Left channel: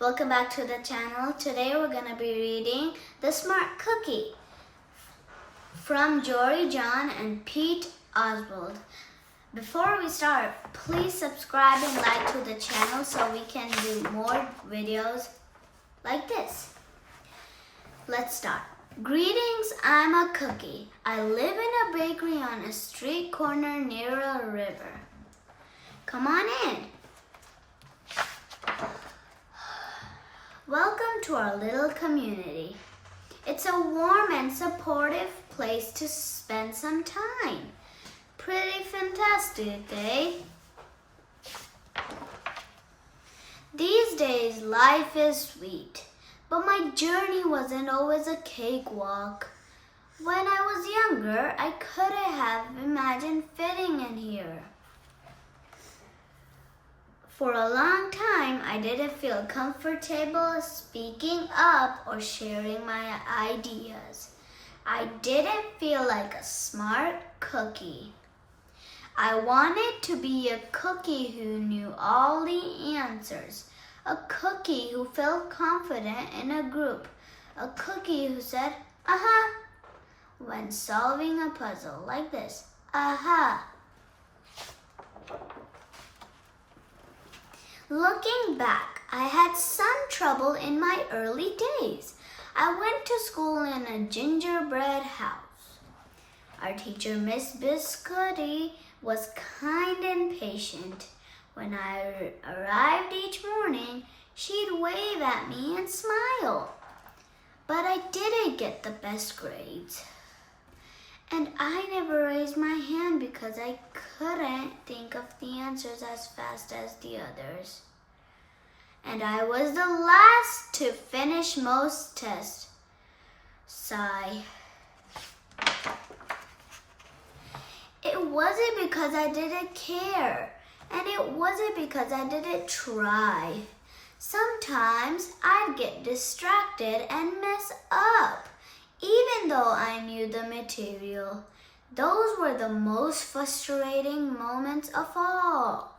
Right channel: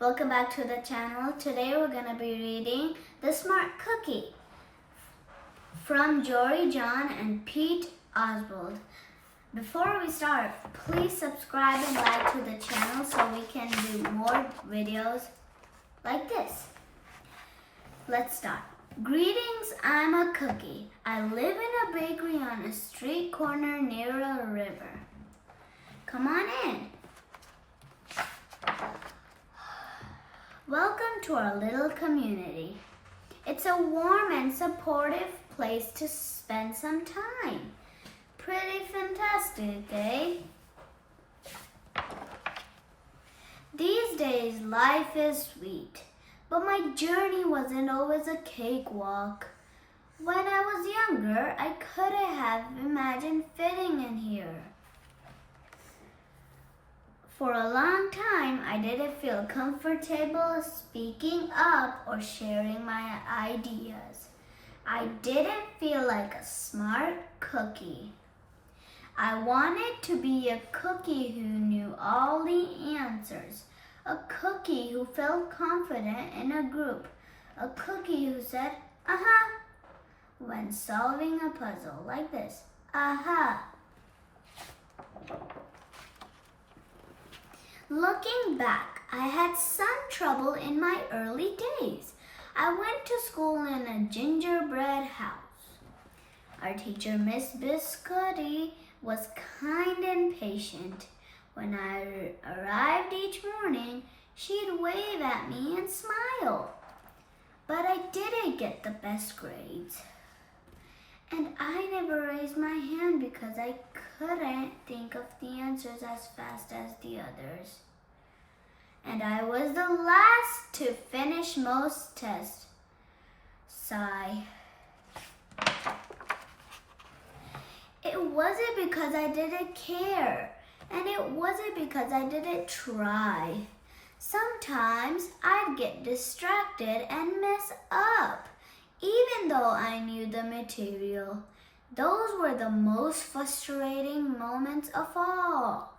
Welcome back to the channel. Today we're going to be reading The Smart Cookie from Jory John and Pete Oswald. Before we start, please subscribe and like to the channel so we can do more videos like this. Let's start. Greetings, I'm a cookie. I live in a bakery on a street corner near a river. Come on in. Welcome to our little community. It's a warm and supportive place to spend some time. Pretty fantastic, eh? These days, life is sweet, but my journey wasn't always a cakewalk. When I was younger, I couldn't have imagined fitting in here. For a long time, I didn't feel comfortable speaking up or sharing my ideas. I didn't feel like a smart cookie. I wanted to be a cookie who knew all the answers, a cookie who felt confident in a group, a cookie who said, "Aha," when solving a puzzle like this, "Aha." Looking back, I had some trouble in my early days. I went to school in a gingerbread house. Our teacher, Miss Biscotti, was kind and patient. When I arrived each morning, she'd wave at me and smile. But I didn't get the best grades. And I never raised my hand because I couldn't think of the answers as fast as the others. And I was the last to finish most tests. Sigh. It wasn't because I didn't care, and it wasn't because I didn't try. Sometimes I'd get distracted and mess up, even though I knew the material. Those were the most frustrating moments of all.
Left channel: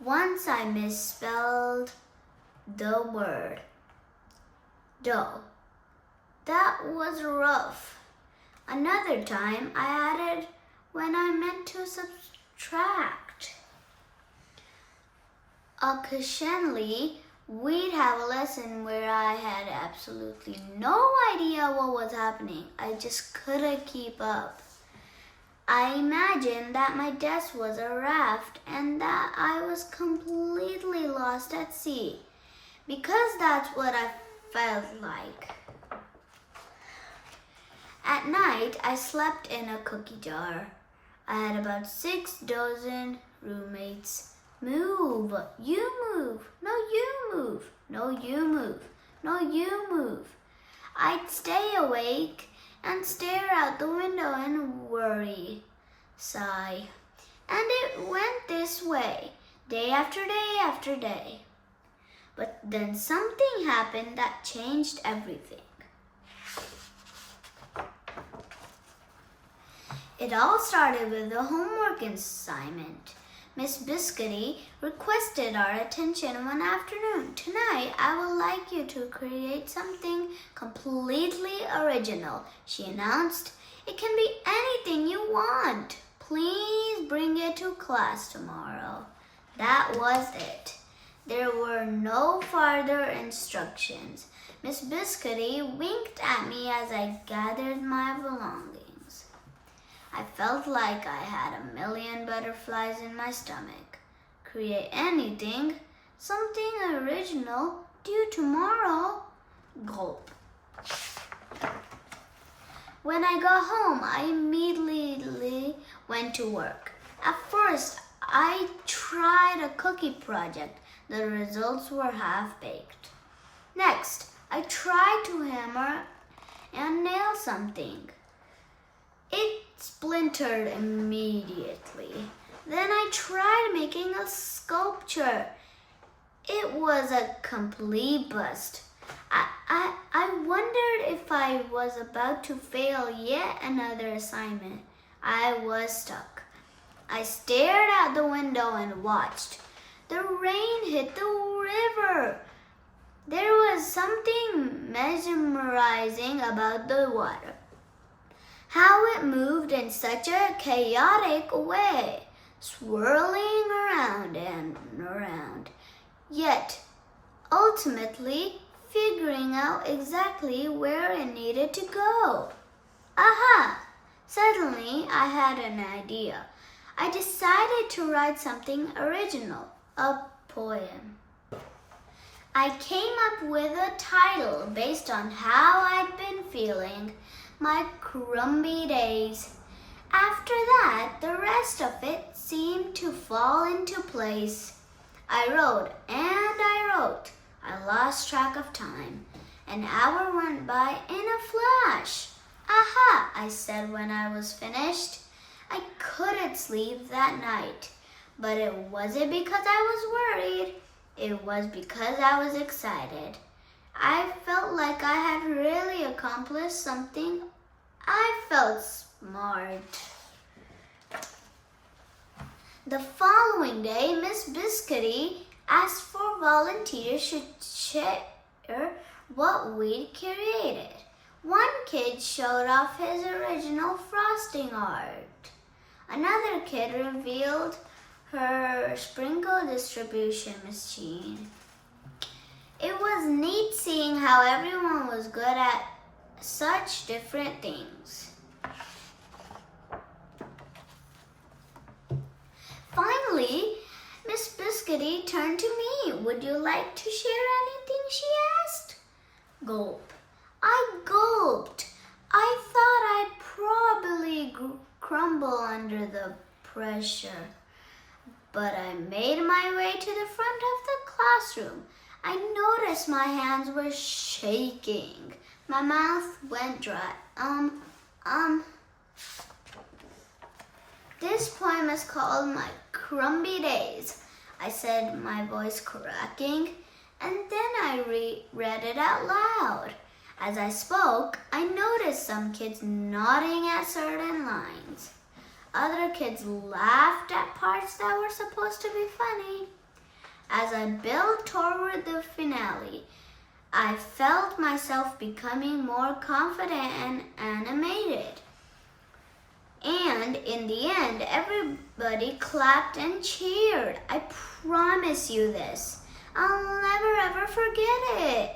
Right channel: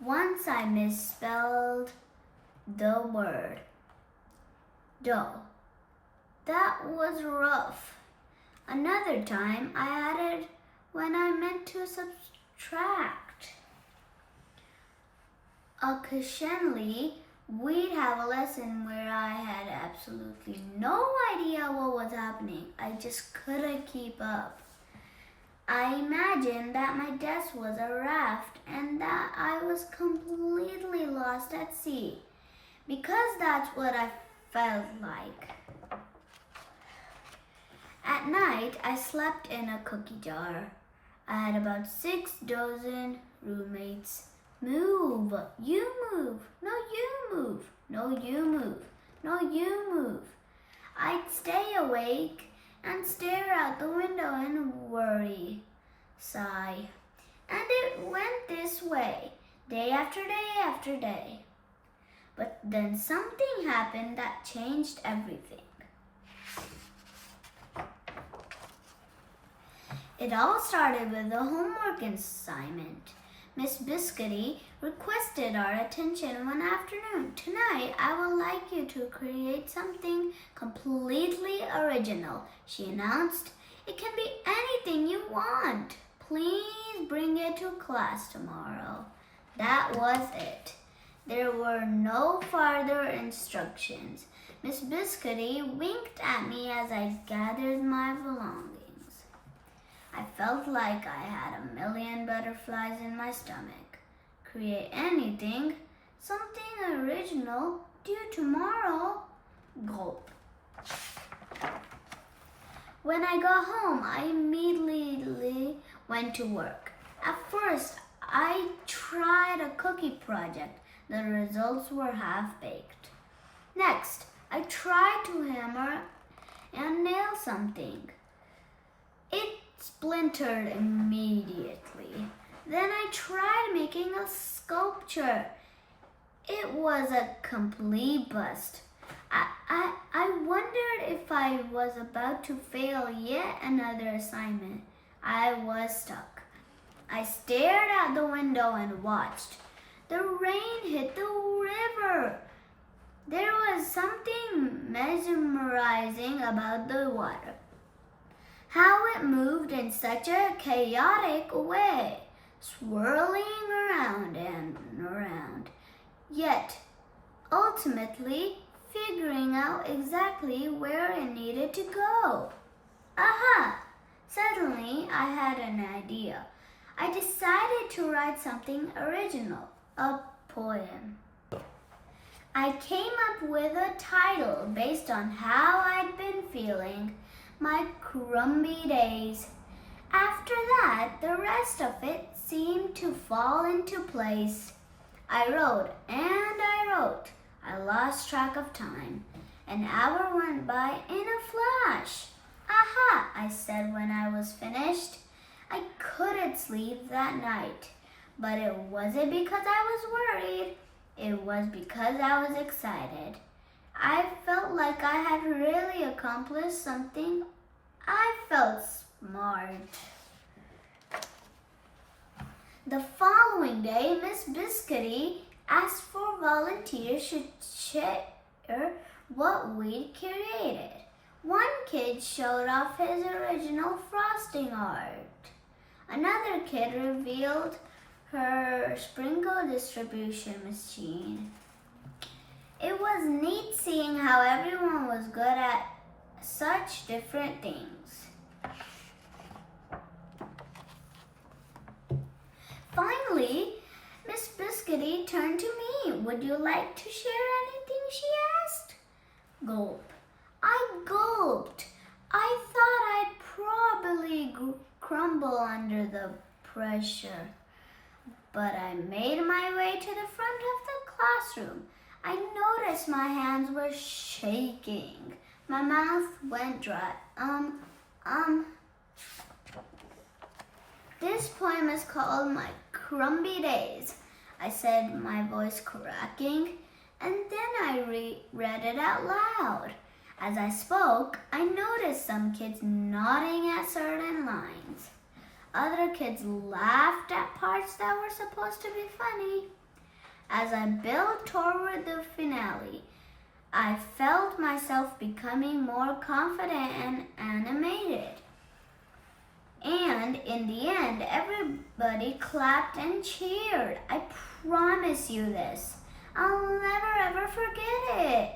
Once I misspelled the word dough. That was rough. Another time I added when I meant to subtract. Occasionally, we'd have a lesson where I had absolutely no idea what was happening. I just couldn't keep up. I imagined that my desk was a raft and that I was completely lost at sea, because that's what I felt like. At night, I slept in a cookie jar. I had about 6 dozen roommates. Move, you move, no you move, no you move, no you move. I'd stay awake and stare out the window and worry, sigh. And it went this way, day after day after day. But then something happened that changed everything. It all started with a homework assignment. Miss Biscotti requested our attention one afternoon. "Tonight, I would like you to create something completely original," she announced. "It can be anything you want. Please bring it to class tomorrow." That was it. There were no further instructions. Miss Biscotti winked at me as I gathered my belongings. I felt like I had a million butterflies in my stomach. Create anything, something original, due tomorrow. Gulp. When I got home, I immediately went to work. At first, I tried a cookie project. The results were half-baked. Next, I tried to hammer and nail something. It splintered immediately. Then I tried making a sculpture. It was a complete bust. I wondered if I was about to fail yet another assignment. I was stuck. I stared out the window and watched. The rain hit the river. something mesmerizing about the water. How it moved in such a chaotic way, swirling around and around, yet ultimately figuring out exactly where it needed to go. Aha! Suddenly, I had an idea. I decided to write something original, a poem. I came up with a title based on how I'd been feeling, my crumby days. After that, the rest of it seemed to fall into place. I wrote and I wrote. I lost track of time. An hour went by in a flash. Aha, I said when I was finished. I couldn't sleep that night, but it wasn't because I was worried. It was because I was excited. I felt like I had really accomplished something. I felt smart. The following day, Miss Biscuity asked for volunteers to share what we'd created. One kid showed off his original frosting art. Another kid revealed her sprinkle distribution machine. It was neat seeing how everyone was good at such different things. Finally, Miss Biscuity turned to me. Would you like to share anything, she asked. Gulp. I gulped. I thought I'd probably crumble under the pressure. But I made my way to the front of the classroom. I noticed my hands were shaking. My mouth went dry. This poem is called My Crumby Days, I said, my voice cracking, and then I read it out loud. As I spoke, I noticed some kids nodding at certain lines. Other kids laughed at parts that were supposed to be funny. As I built toward the finale, I felt myself becoming more confident and animated. And in the end, everybody clapped and cheered. I promise you this. I'll never ever forget it.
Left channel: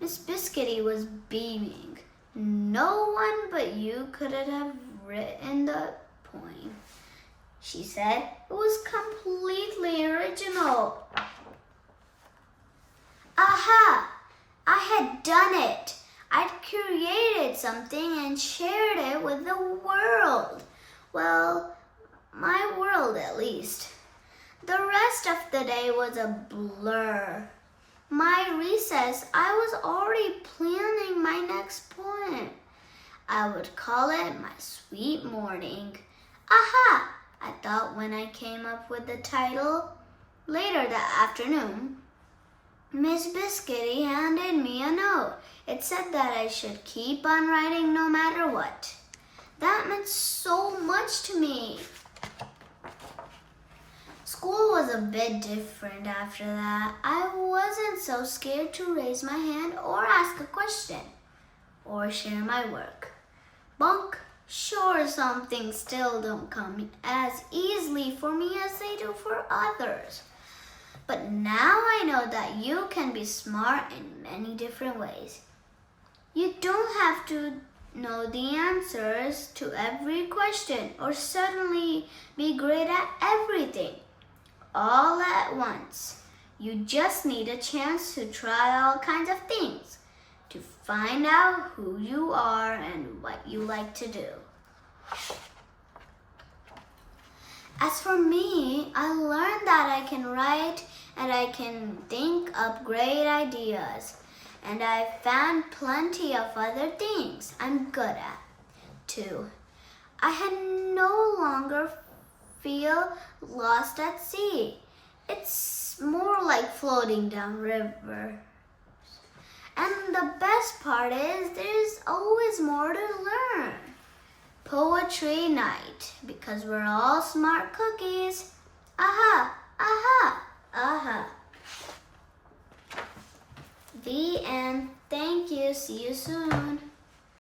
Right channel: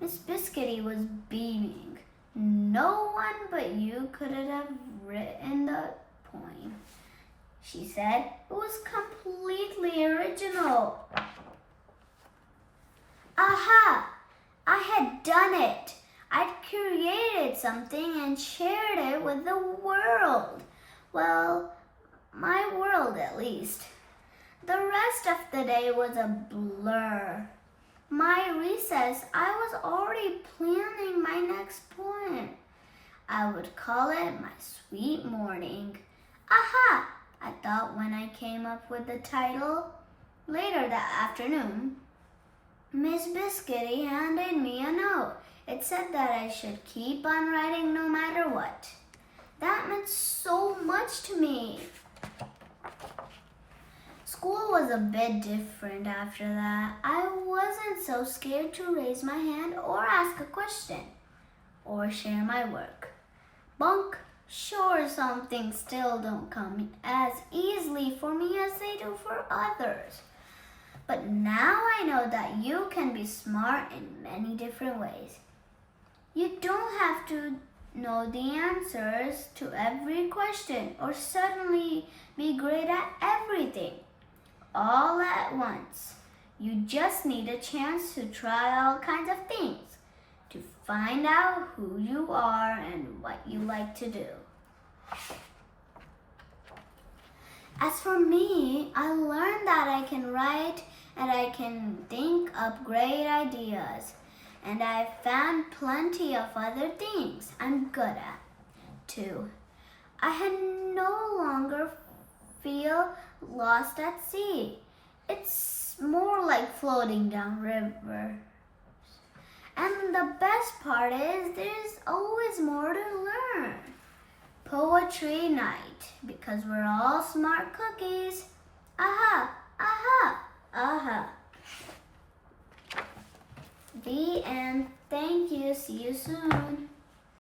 Miss Biscuity was beaming. No one but you could have written the poem, she said. It was completely original. Aha! I had done it. I'd created something and shared it with the world. Well, my world at least. The rest of the day was a blur. My recess, I was already planning my next poem. I would call it My Sweet Morning. Aha! I thought when I came up with the title. Later that afternoon, Miss Biscuity handed me a note. It said that I should keep on writing no matter what. That meant so much to me. School was a bit different after that. I wasn't so scared to raise my hand or ask a question or share my work. Bunk, sure, some things still don't come as easily for me as they do for others. But now I know that you can be smart in many different ways. You don't have to know the answers to every question or suddenly be great at everything all at once. You just need a chance to try all kinds of things to find out who you are and what you like to do. As for me, I learned that I can write and I can think up great ideas. And I've found plenty of other things I'm good at, too. I had no longer feel lost at sea. It's more like floating down river. And the best part is there's always more to learn. Poetry night, because we're all smart cookies. Aha, aha, aha. The end. Thank you. See you soon.